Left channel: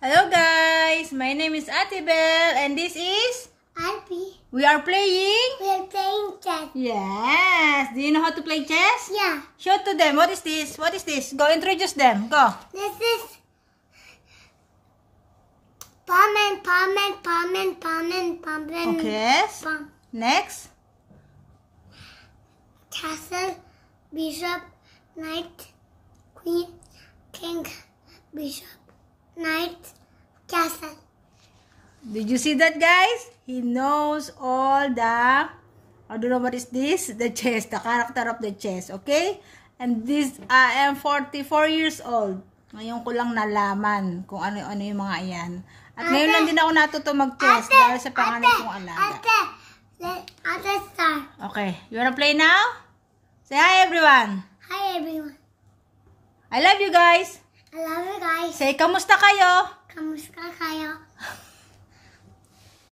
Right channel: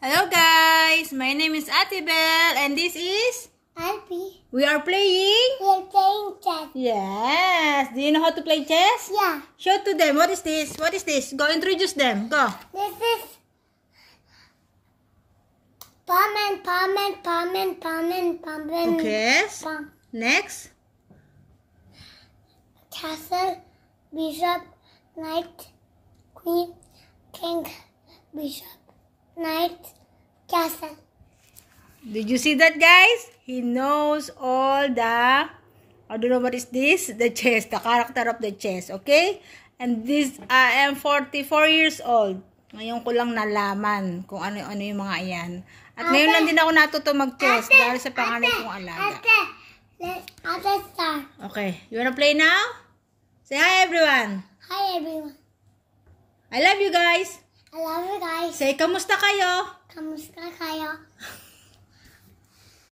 Hello guys, my name is Ate Belle and this is Alpi. We are playing chess. Yes. Do you know how to play chess? Yeah. Show to them. What is this? What is this? Go introduce them. Go. This is pawn. Okay. Pawn. Next. Castle, bishop, knight, queen, king, bishop, knight, castle. Did you see that, guys? He knows all the, I don't know what is this, the chess, the character of the chess, okay? And this, I am 44 years old. Ngayon ko lang nalaman kung ano-ano yung mga yan. At ngayon lang din ako natuto mag-chess dahil sa panganay kong alaga. Ate, start. Okay, you wanna play now? Say hi everyone. Hi everyone. I love you guys. I love you guys. Say, kamusta kayo? Kamusta kayo?